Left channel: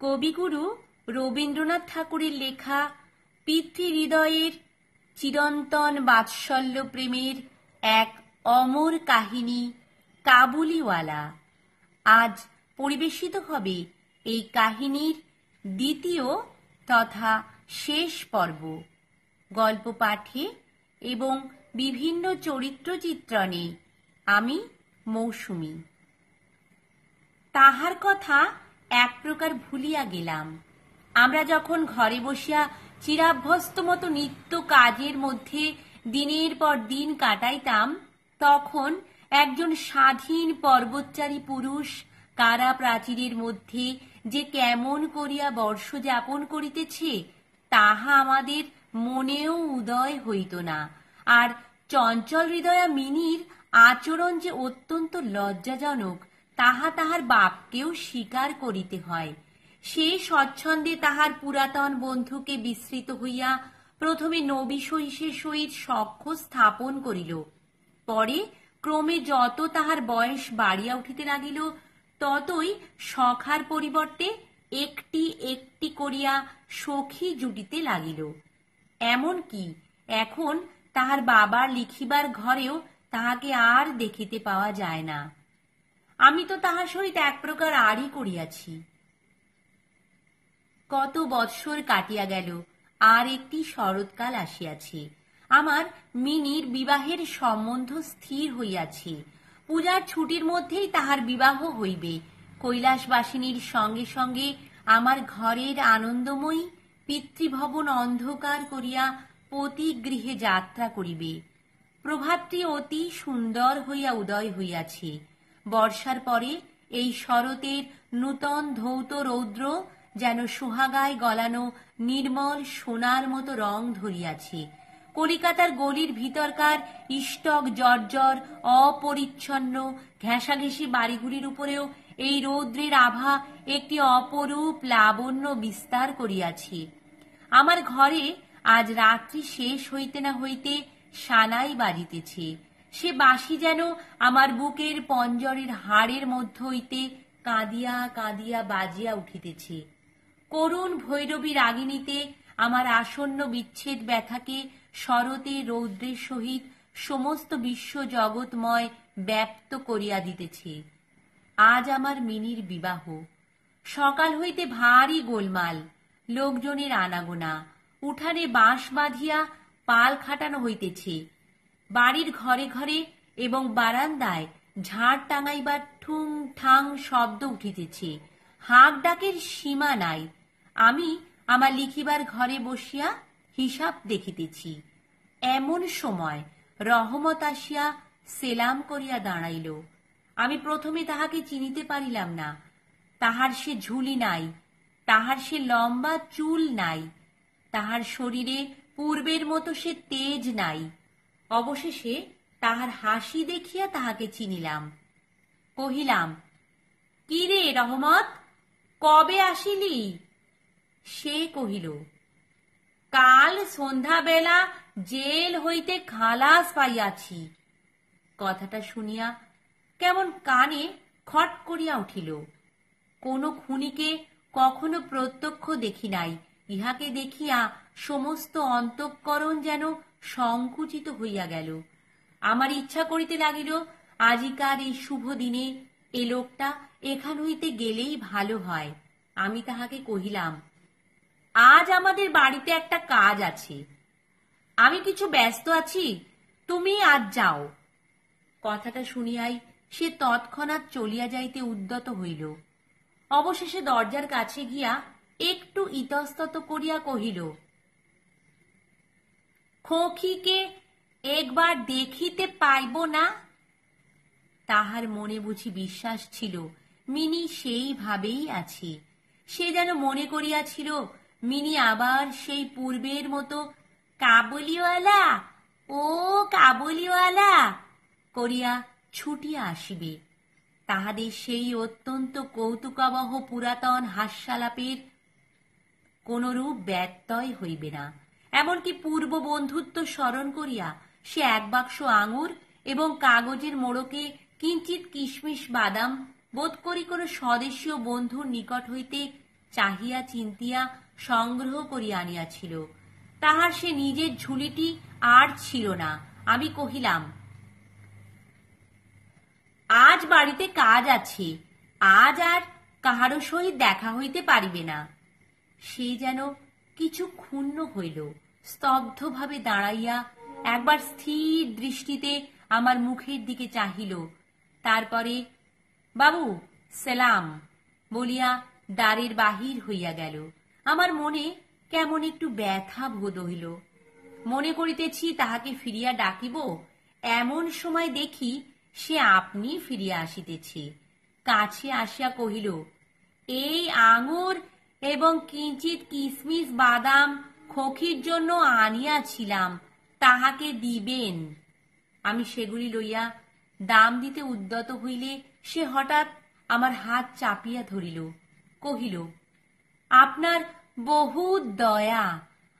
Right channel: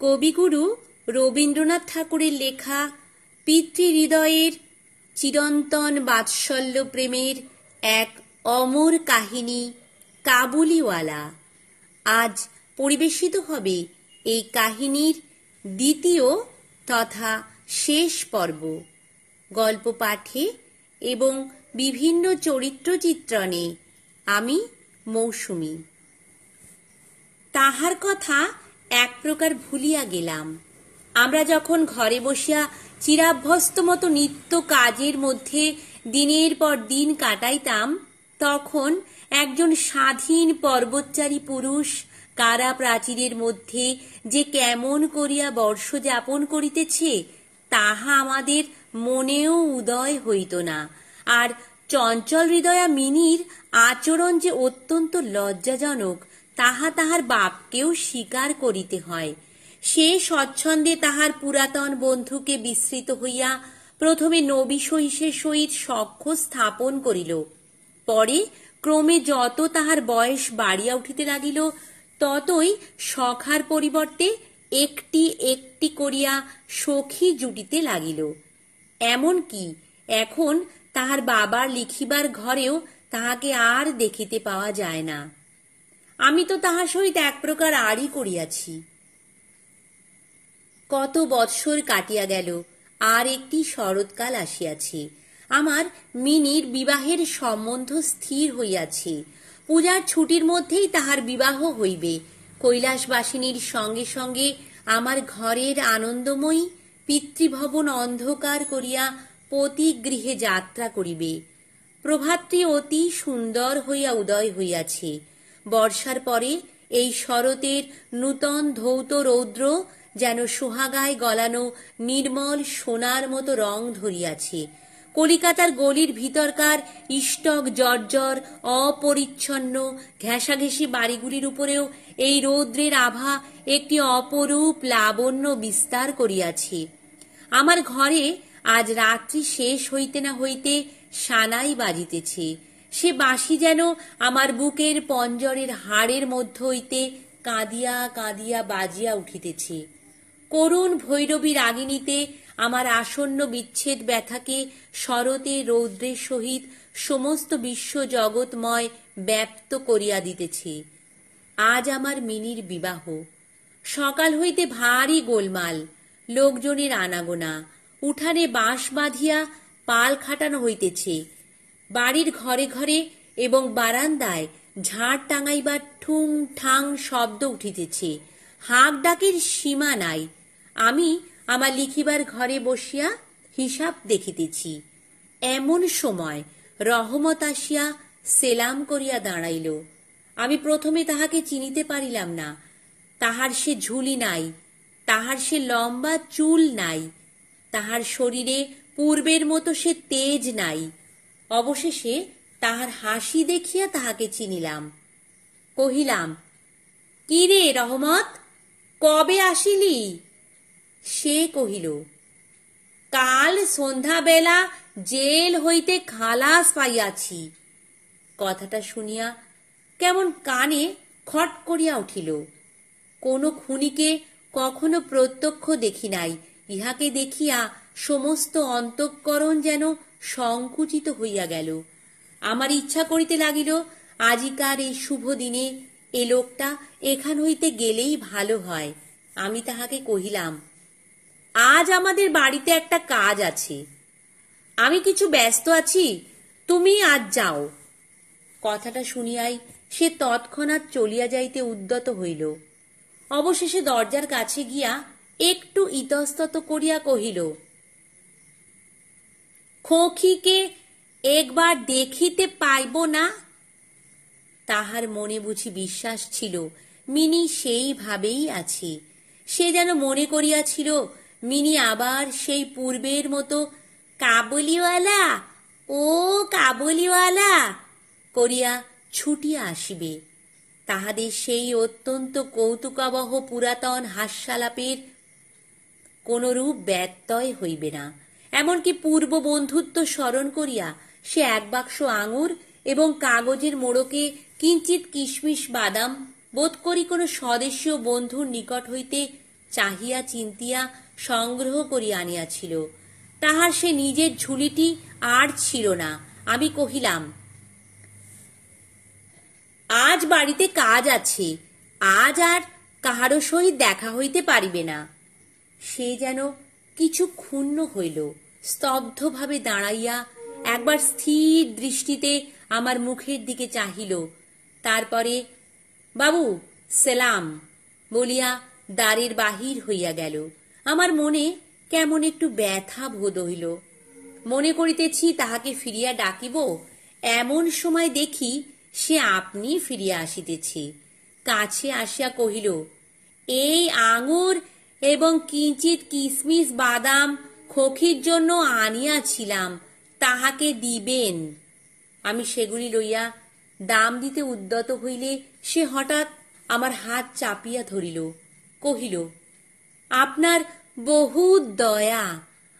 কবিগুরু রবীন্দ্রনাথ ঠাকুরের লেখা পিতৃহৃদয়ের চিরন্তন বাৎসল্য প্রেমের এক অমর কাহিনী কাবুলিওয়ালা। আজ পরিবেশিত হবে এই কাহিনীর দ্বিতীয় তথা শেষ পর্ব। গল্প পাঠে এবং বিভিন্ন চরিত্র চিত্রণে আমি মৌসুমী। তাহার কথা এক প্রকার ভুলিয়া গেলাম। আমরা যখন ঘরে বসিয়া চিরাভ্যস্ত মতো নিত্য কাজের মধ্যে দিনের পর দিন কাটাইতাম, তখন একজন স্বাধীন পর্বতচারী পুরুষ কারা প্রাচীরের মধ্যে যে কেমন করিয়া বর্ষ যাপন করিতেছে তাহা আমাদের মনেও উদয় হইত না। আর চঞ্চল হৃদয়া মিনির আচরণ যে অত্যন্ত লজ্জাজনক তাহা তাহার বাপকেও স্বীকার করিতে হয়। সে স্বচ্ছন্দে তাহার পুরাতন বন্ধুকে বিস্মৃত হইয়া প্রথমে নবী সহিসের সহিত সখ্য স্থাপন করিল। পরে ক্রমে যত তাহার বয়স বাড়িয়া উঠিতে লাগিল, ততই সখার পরিবর্তে একটি একটি করিয়া সখী জুটিতে লাগিল। এমনকি এখন তাহার বাবার লিখিবার ঘরেও তাহাকে আর দেখিতে পাওয়া যায় না। আমি তো তাহার সহিত এক প্রকার আড়ি করিয়াছি। কত বৎসর কাটিয়া গেল, আর একটি শরৎকাল আসিয়াছে। আমার মিনির বিবাহের সম্বন্ধ স্থির হইয়াছে। পূজার ছুটির মধ্যেই তাহার বিবাহ হইবে। কৈলাসবাসিনীর সঙ্গে সঙ্গে আমার ঘরের আনন্দময়ী পিতৃভবন অন্ধকার করিয়া পতিগৃহে যাত্রা করিবে। প্রভাতটি অতি সুন্দর হইয়া উদয় হইয়াছে। বর্ষার পরে এই শরতের নূতন ধৌত রৌদ্র যেন সোহাগায় গলানো নির্মল সোনার মতো রং ধরিয়াছে। কলিকাতার গলির ভিতরকার ইষ্টক জর্জর অপরিচ্ছন্ন ঘেঁষাঘেঁষি বাড়িগুলির উপরেও এই রৌদ্রের আভা একটি অপরূপ লাবণ্য বিস্তার করিয়াছে। আমার ঘরে আজ রাত্রি শেষ হইতে না হইতে সানাই বাজিতেছে। সে বাঁশি যেন আমার বুকের পঞ্জরের হাড়ের মধ্য হইতে কাঁদিয়া কাঁদিয়া বাজিয়া উঠিতেছে। করুণ ভৈরবী রাগিণীতে আমার আসন্ন বিচ্ছেদ ব্যথাকে শরতে রৌদ্রের সহিত সমস্ত বিশ্ব জগৎময় ব্যপ্ত করিয়া দিতেছে। আজ আমার মিনির বিবাহ। সকাল হইতে ভারী গোলমাল, লোকজনের আনাগোনা। উঠানে বাঁশ বাঁধিয়া পাল খাটানো হইতেছে। বাড়ির ঘরে ঘরে এবং বারান্দায় ঝাড় টাঙাইবার ঠুং ঠাং শব্দ উঠিতেছে। হাঁক ডাকের সীমা নাই। আমি আমার লিখিবার ঘরে বসিয়া হিসাব দেখিতেছি। এমন সময় রহমত আসিয়া সেলাম করিয়া দাঁড়াইল। আমি প্রথমে তাহাকে চিনিতে পারিলাম না। তাহার সে ঝুলি নাই, তাহার সে লম্বা চুল নাই, তাহার শরীরে পূর্বের মতো সে তেজ নাই। অবশেষে তাহার হাসি দেখিয়া তাহাকে চিনিলাম। কহিলাম, কি রে রহমত, কবে আসিলি? সে কহিল, কাল সন্ধ্যাবেলা জেল হইতে খালাস পাইয়াছি। কথাটা শুনিয়া কেমন কানে খট করিয়া উঠিল। কোন খুনিকে কখনো প্রত্যক্ষ দেখি নাই। ইহাকে দেখিয়া সমস্ত অন্তঃকরণ যেন সংকুচিত হইয়া গেল। আমার ইচ্ছা করিতে লাগিল, আজিকার এই শুভ দিনে এ লোকটা এখান হইতে গেলেই ভালো হয়। আমি তাহাকে কহিলাম, আজ আমাদের বাড়িতে একটা কাজ আছে, আমি কিছু ব্যস্ত আছি, তুমি আজ যাও। কথাটা শুনিয়াই সে তৎক্ষণাৎ চলিয়া যাইতে উদ্যত হইল। অবশেষে দরজার কাছে গিয়া একটু ইতস্তত করিয়া কহিল, খোকিকে একবার দেখিতে পাইব না? তাহার মনে বুঝি বিশ্বাস ছিল মিনি সেইভাবেই আছে। সে যেন মনে করিয়াছিল মিনি আবার সেই পূর্বের মতো কাবুলিওয়ালা, ও কাবুলিওয়ালা করিয়া ছুটিয়া আসিবে। তাহাদের সেই অত্যন্ত কৌতুকাবহ পুরাতন হাস্যালাপের কোনরূপ ব্যত্যয় হইবে না। এমনকি পূর্ব বন্ধুত্ব স্মরণ করিয়া সে এক বাক্স আঙুর এবং কাগজের মোড়কে কিঞ্চিত কিশমিশ বাদাম বোধ করি কোনো স্বদেশীয় বন্ধুর নিকট হইতে চাহিয়া চিন্তিয়া সংগ্রহ করিয়া আনিয়াছিল। তাহার সে নিজের ঝুলিটি আর ছিল না। আমি কহিলাম, আজ বাড়িতে কাজ আছে, আজ আর কাহারো সহিত দেখা হইতে পারিবে না। সে যেন কিছু ক্ষুণ্ণ হইল, স্তব্ধভাবে দাঁড়াইয়া একবার স্থির দৃষ্টিতে আমার মুখের দিকে চাহিল। তারপরে বাবু সেলাম বলিয়া দ্বারের বাহির হইয়া গেল। আমার মনে কেমন একটু ব্যথা বোধ হইল। মনে করিতেছি তাহাকে ফিরিয়া ডাকিব, এমন সময় দেখি সে আপনি ফিরিয়া আসিতেছে। কাছে আসিয়া কহিল, এই আঙুর এবং কিঞ্চিত কিশমিশ বাদাম খোকির জন্য আনিয়াছিলাম, তাহাকে দিবেন। আমি সেগুলি লইয়া দাম দিতে উদ্যত হইলে সে হঠাৎ আমার হাত চাপিয়া ধরিল, কহিল, আপনার বহু দয়া,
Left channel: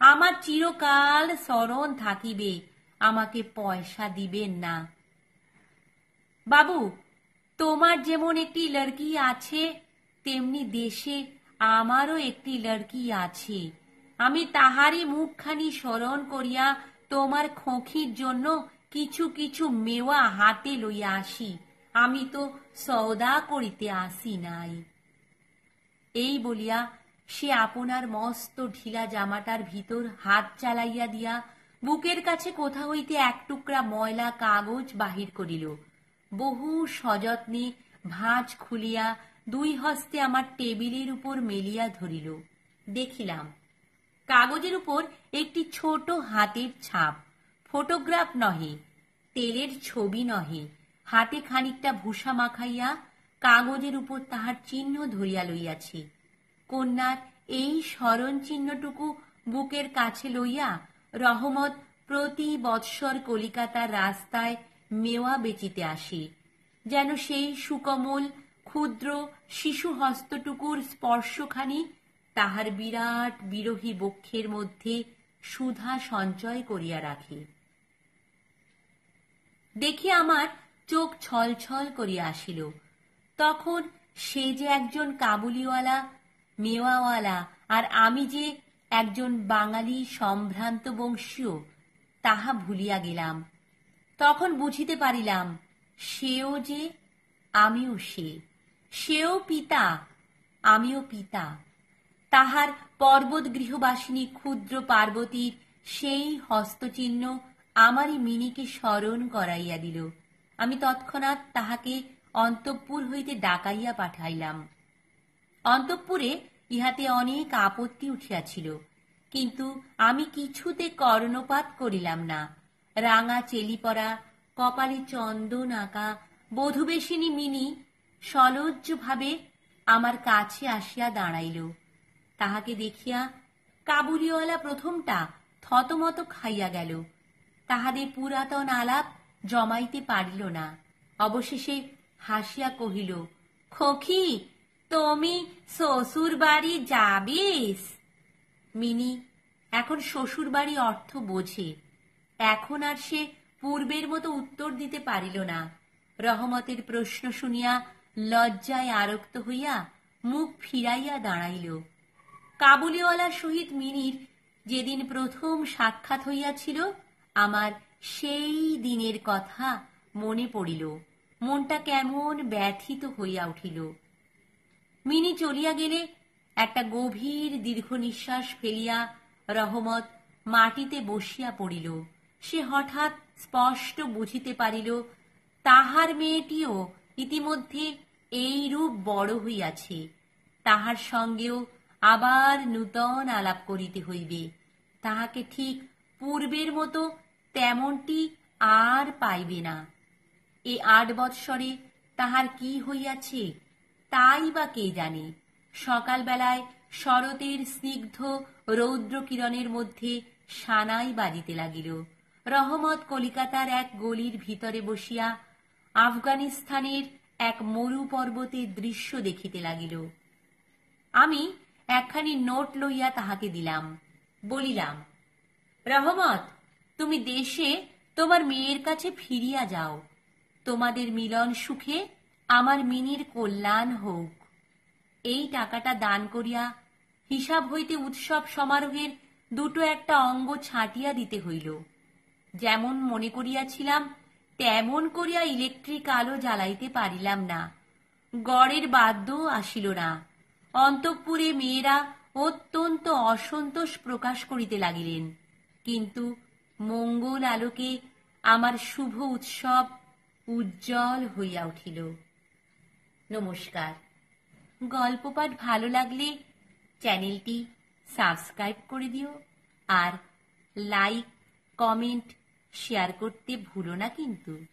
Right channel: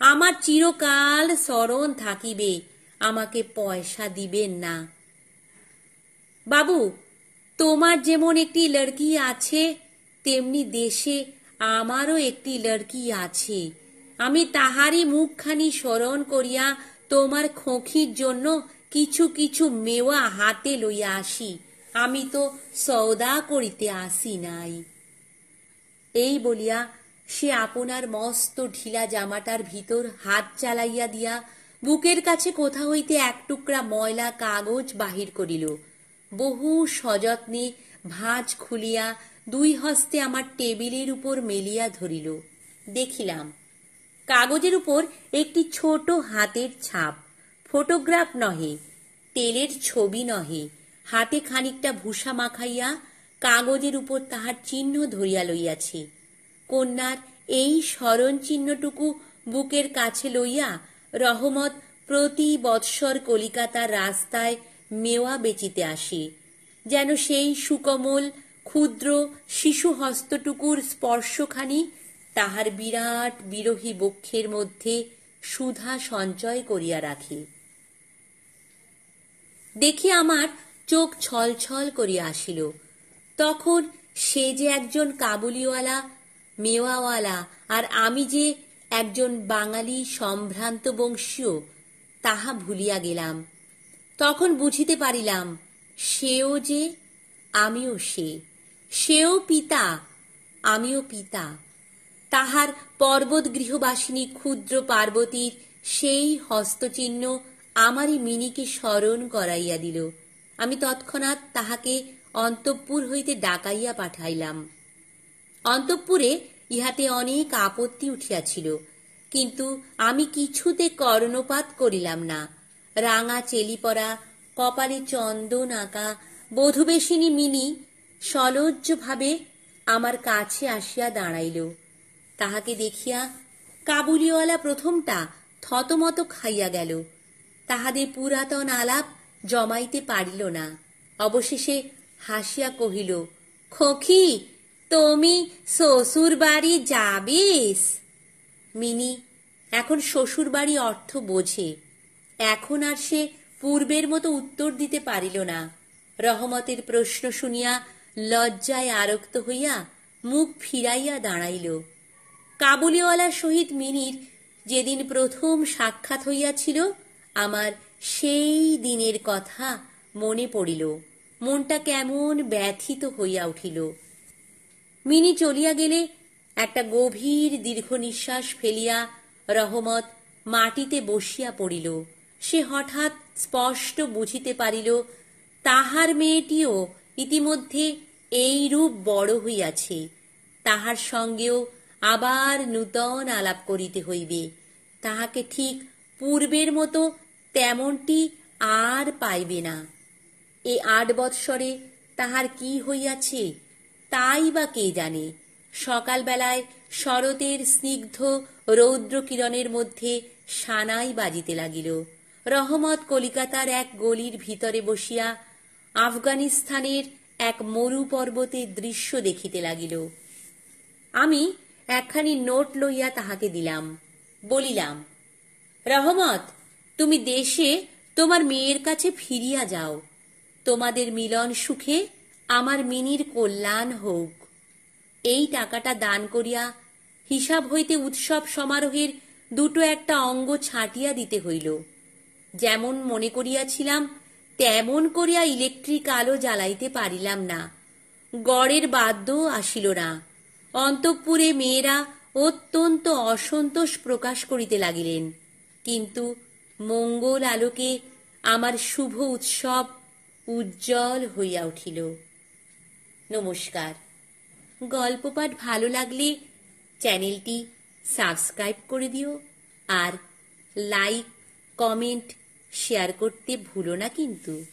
আমার চিরকাল স্মরণ থাকিবে, আমাকে পয়সা দিবেন না। বাবু, তোমার যেমন একটি লড়কি আছে, তেমনি দেশে আমারও একটি লড়কি আছে। আমি তাহারই মুখখানি স্মরণ করিয়া তোমার খোঁখির জন্য কিছু কিছু মেওয়া হাতে লইয়া আসি। আমি তো সওদা করিতে আসি নাই। এই বলিয়া সে আপনার মস্ত ঢিলা জামাটার ভিতর হাত চালাইয়া দিয়া বুকের কাছে কোথা হইতে এক টুকরা ময়লা কাগজ বাহির করিল। বহু সযত্নে ভাঁজ খুলিয়া দুই হস্তে আমার টেবিলের উপর মেলিয়া ধরিল। দেখিলাম কাগজের উপর একটি ছোট হাতের ছাপ, ফটোগ্রাফ নহে, তেলের ছবি নহে। হাতে খানিকটা ভূষা মাখাইয়া কাগজের উপর তাহার চিহ্ন ধরিয়া লইয়াছে। কন্যার এই স্মরণ চিহ্নটুকু বুকের কাছে লইয়া রহমত প্রতি বৎসর কলিকাতার রাস্তায় মেওয়া বেচিতে আসে, যেন সেই সুকোমল ক্ষুদ্র শিশু হস্তটুকুর স্পর্শখানি তাহার বিরাট বিরোহী বক্ষের মধ্যে সুধা সঞ্চয় করিয়া রাখে। দেখি আমার চোখ ছলছল করিয়া আসিল। তখন সে যে একজন কাবুলিওয়ালা, মেওয়াওয়ালা, আর আমি যে একজন বাঙালি সম্ভ্রান্ত বংশীয়, তাহা ভুলিয়া গেলাম। তখন বুঝিতে পারিলাম সেও যে, আমিও সে। সেও পিতা, আমিও পিতা। তাহার পর্বত গৃহবাসিনী ক্ষুদ্র পার্বতীর সেই হস্তচিহ্ন আমারই মিনিকে স্মরণ করাইয়া দিল। আমি তৎক্ষণাৎ তাহাকে অন্তঃপুর হইতে ডাকাইয়া পাঠাইলাম। অন্তঃপুরে ইহাতে অনেক আপত্তি উঠিয়াছিল, কিন্তু আমি কিছুতে কর্ণপাত করিলাম না। রাঙা চেলি পরা, কপালে চন্দন আঁকা বধূবেশিনী মিনি সলজ্জভাবে আমার কাছে আসিয়া দাঁড়াইল। তাহাকে দেখিয়া কাবুলিওয়ালা প্রথমটা থতমত খাইয়া গেল। তাহাদের পুরাতন আলাপ জমাইতে পারিল না। অবশেষে হাসিয়া কহিল, খোকি, তুমি শ্বশুর বাড়ি যাবিস? মিনি এখন শ্বশুর বাড়ি অর্থ বোঝে। এখন আর সে পূর্বের মতো উত্তর দিতে পারিল না। রহমতের প্রশ্ন শুনিয়া লজ্জায় আরক্ত হইয়া মুখ ফিরাইয়া দাঁড়াইল। কাবুলিওয়ালার সহিত মিনির যেদিন প্রথম সাক্ষাৎ হইয়াছিল, আমার সেই দিনের কথা মনে পড়িল। মনটা কেমন ব্যথিত হইয়া উঠিল। মিনি চলিয়া গেলে একটা গভীর দীর্ঘ নিঃশ্বাস ফেলিয়া রহমত মাটিতে বসিয়া পড়িল। সে হঠাৎ স্পষ্ট বুঝিতে পারিল তাহার মেয়েটিও ইতিমধ্যে এইরূপ বড় হইয়াছে। তাহার সঙ্গেও আবার নূতন আলাপ করিতে হইবে। তাহাকে ঠিক পূর্বের মতো তেমনটি আর পাইবে না। এ ৮ বৎসরে তাহার কি হইয়াছে তাই বা কে জানে। সকালবেলায় শরতের স্নিগ্ধ রৌদ্র কিরণের মধ্যে সানাই বাজিতে লাগিল। রহমত কলিকাতার এক গলির ভিতরে বসিয়া আফগানিস্তানের এক মরু পর্বতের দৃশ্য দেখিতে লাগিল। আমি একখানি নোট লইয়া তাহাকে দিলাম। বলিলাম, রহমত, তুমি দেশে তোমার মেয়ের কাছে ফিরিয়া যাও। তোমাদের মিলন সুখে আমার মিনির কল্যাণ হোক। এই টাকাটা দান করিয়া হিসাব হইতে উৎসব সমারোহের দুটো একটা অঙ্গ ছাটিয়া দিতে হইল। যেমন মনে করিয়াছিলাম তেমন করিয়া ইলেকট্রিক আলো জ্বালাইতে পারিলাম না। গড়ের বাদ্যও আসিল না। অন্তঃপুরে মেয়েরা অত্যন্ত অসন্তোষ প্রকাশ করিতে লাগিলেন। কিন্তু মঙ্গল আলোকে আমার শুভ উৎসব উজ্জ্বল হইয়া উঠিল। নমস্কার। গল্প পাঠ ভালো লাগলে চ্যানেলটি সাবস্ক্রাইব করে দিও, আর লাইক, কমেন্ট, শেয়ার করতে ভুলো না কিন্তু।